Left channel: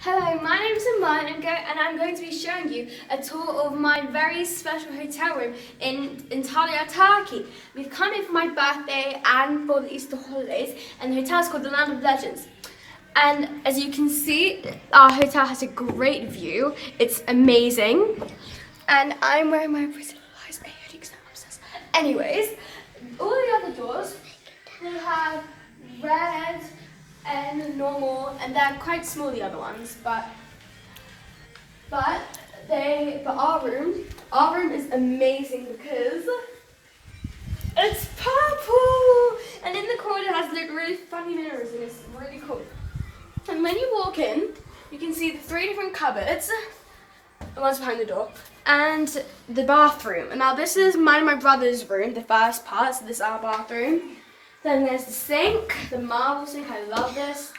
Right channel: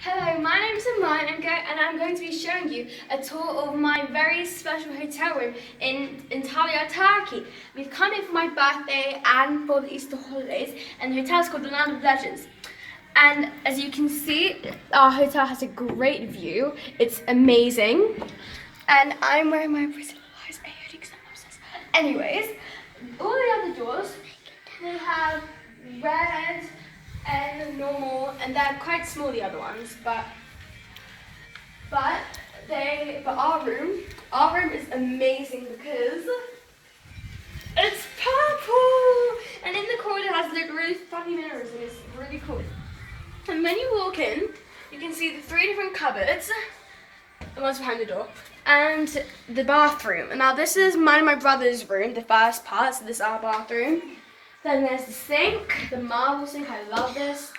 Hello, my name is Amman and I'm going to be showing you a tour of my very special hotel room in Antalya, Turkey. We've come here for my birthday and for the Easter holidays, and the hotel is called the Land of Legends. And as you can see, our hotel has a great view. It's amazing. And I'm wearing my pretty eyes. Anyways, all the other doors, they have red and normal, and they're quite small, the other ones, but our room is amazing because it's purple, and in the corner it has really funny mirrors, and it's really cool. And when you walk in, you can see the 3 different cupboards, the one's behind the door, and the bathroom. And now this is mine and my brother's room, the first part, so this is our bathroom. Then there's the sink, the marble sink, I love this,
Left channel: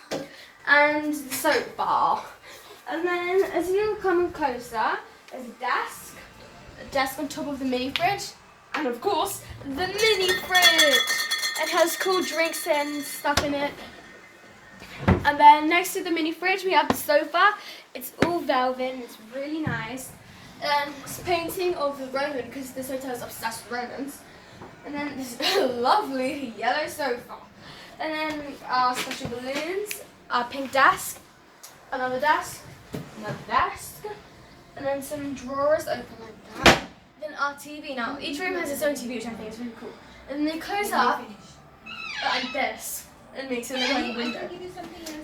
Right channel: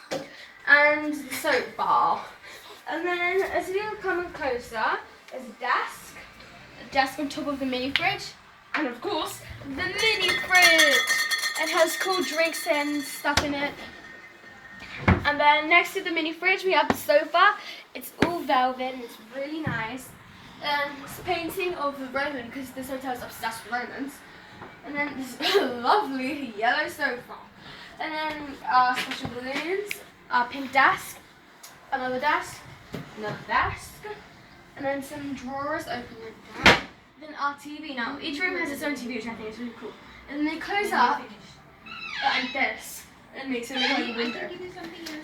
and the soap bar. And then as you come closer, there's a desk on top of the mini fridge, and of course, the mini fridge. It has cool drinks and stuff in it. And then next to the mini fridge, we have the sofa. It's all velvet, it's really nice. And it's painting of the Roman, because this hotel is obsessed with Romans. And then this lovely yellow sofa. And then our special balloons, our pink desk, another desk, and then some drawers open like that. Then our TV. Now each room has its own TV, which I think is really cool. And then they close up like this, and makes it look like a window.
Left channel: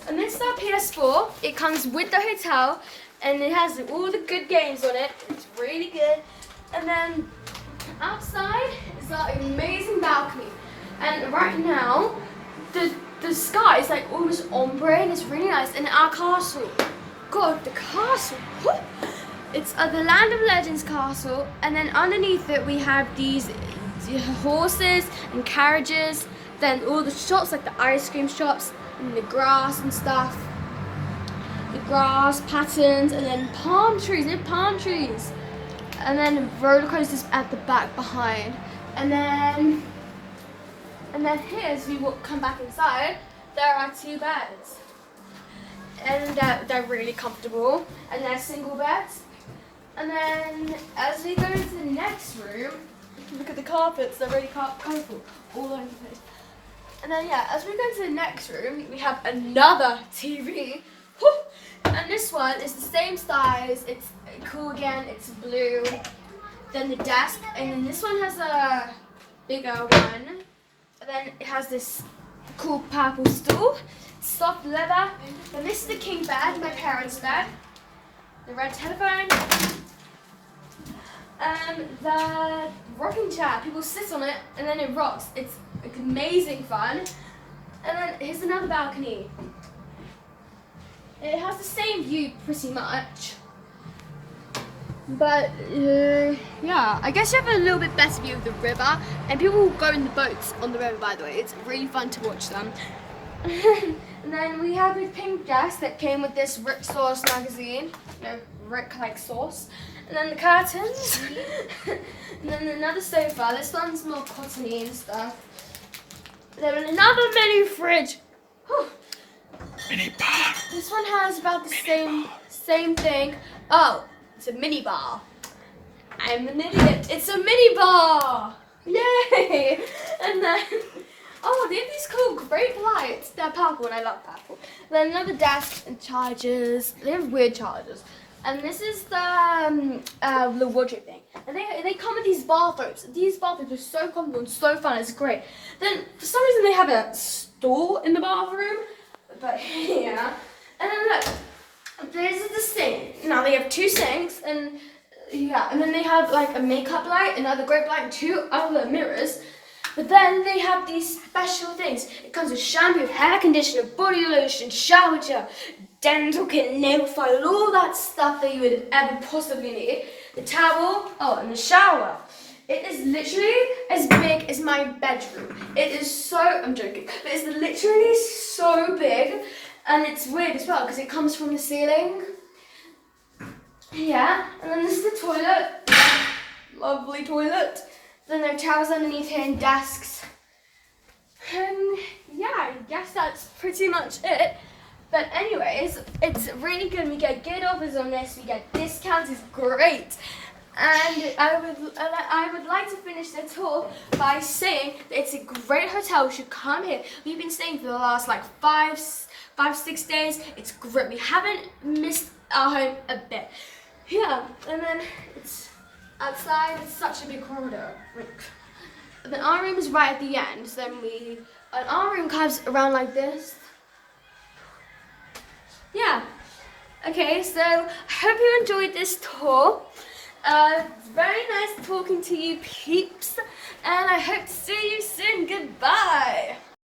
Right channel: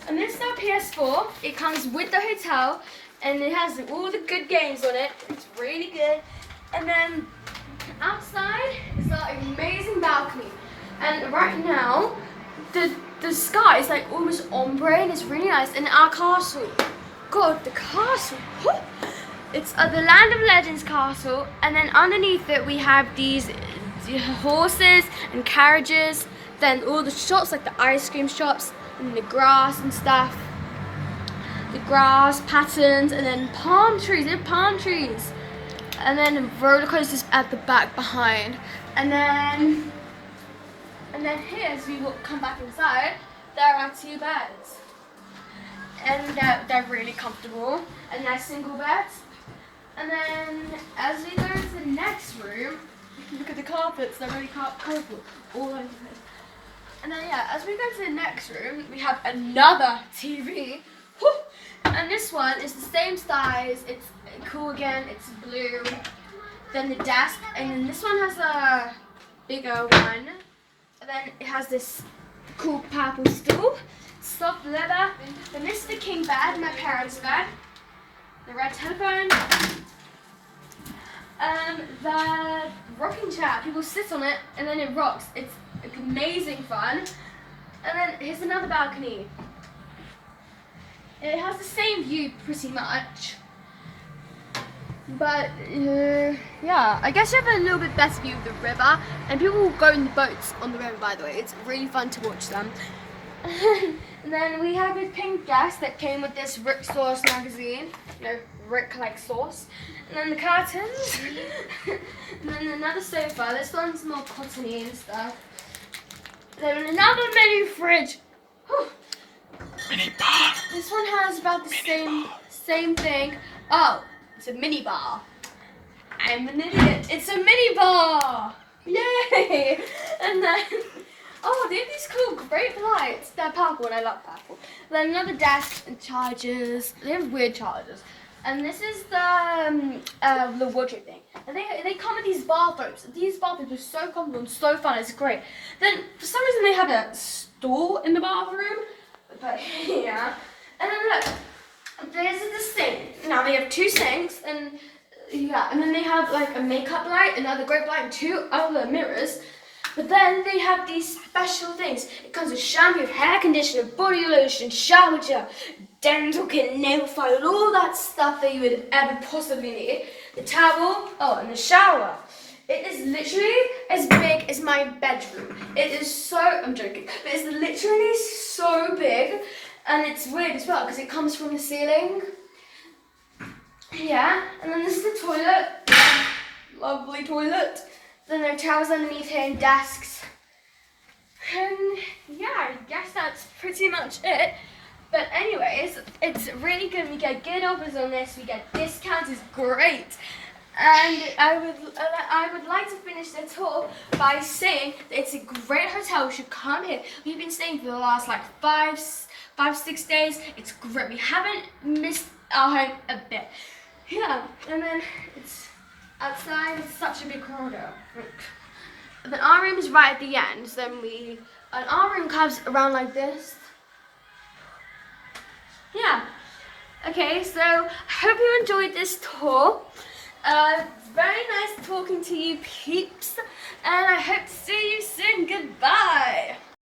And this is our PS4. It comes with the hotel, and it has all the good games on it. It's really good. And then outside is our amazing balcony, and right now the sky is like almost ombre, and it's really nice. And our castle, God, the castle, it's the Land of Legends castle, and then underneath it we have these horses and carriages, then all the shops like the ice cream shops and the grass and stuff, the grass patterns, and then palm trees, and then roller coasters at the back behind, and then here, as we come back inside, there are 2 beds, and they're really comfortable, and they're single beds. And then as we go to the next room, look at the carpets, they're really purple all over the place. And then as we go to the next room, we have another TV. And this one is the same size, it's cool again, it's blue. Then the desk, and then this one has a bigger one. And then it has this cool purple stool, soft leather. Then this is the king bed, my parents' bed. The red telephone. The rocking chair, people sit on it and then it rocks. It's amazing fun. And then here's another balcony. It has the same view pretty much, but yeah, I guess you have a little bit better view of the river, and people will go in the boats on the river, by the way. It's really fun to watch them. And then we have a pink desk that came with this Rixos magazine, Rick like sauce, and then the curtains, and then another sofa. This one's more cottony and stuff. Then another mini fridge. Mini bar. This one has about the same thing. Oh, it's a mini bar. I'm an idiot. It's a mini bar. Yay! And then, oh, they have these cool grape lights. They're purple, and I love purple. Then another desk and chargers. They have weird chargers. And this is the wardrobe thing. And they come with these bathrobes. These bathrobes are so comfortable and so fun. It's great. Then for some reason they have a stool in the bathroom. But yeah, and then look, there's the sink. Now they have 2 sinks, and and then they have like a makeup light, another grape light, and 2 other mirrors. But then they have these special things. It comes with shampoo, hair conditioner, body lotion, shower gel, dental kit, nail file, and all that stuff that you would ever possibly need. The towel, and the shower. It is literally as big as my bedroom. It is so, I'm joking, but it's literally so big, and it's weird as well because it comes from the ceiling. Yeah, and then this is the toilet. Lovely toilet. Then there are towels underneath here and desks. And yeah, I guess that's pretty much it. But anyways, it's really good. We get good offers on this. We get discounts. It's great. And I would like to finish the tour by saying that it's a great hotel. We should come here. We've been staying for the last like 6 days. It's great. We haven't missed our home a bit. Yeah, and then it's outside. It's such a big corridor. And then our room is right at the end. So then our room comes around like this. Yeah. Okay, so I hope you enjoyed this tour. It's very nice talking to you peeps, and I hope to see you soon. Goodbye.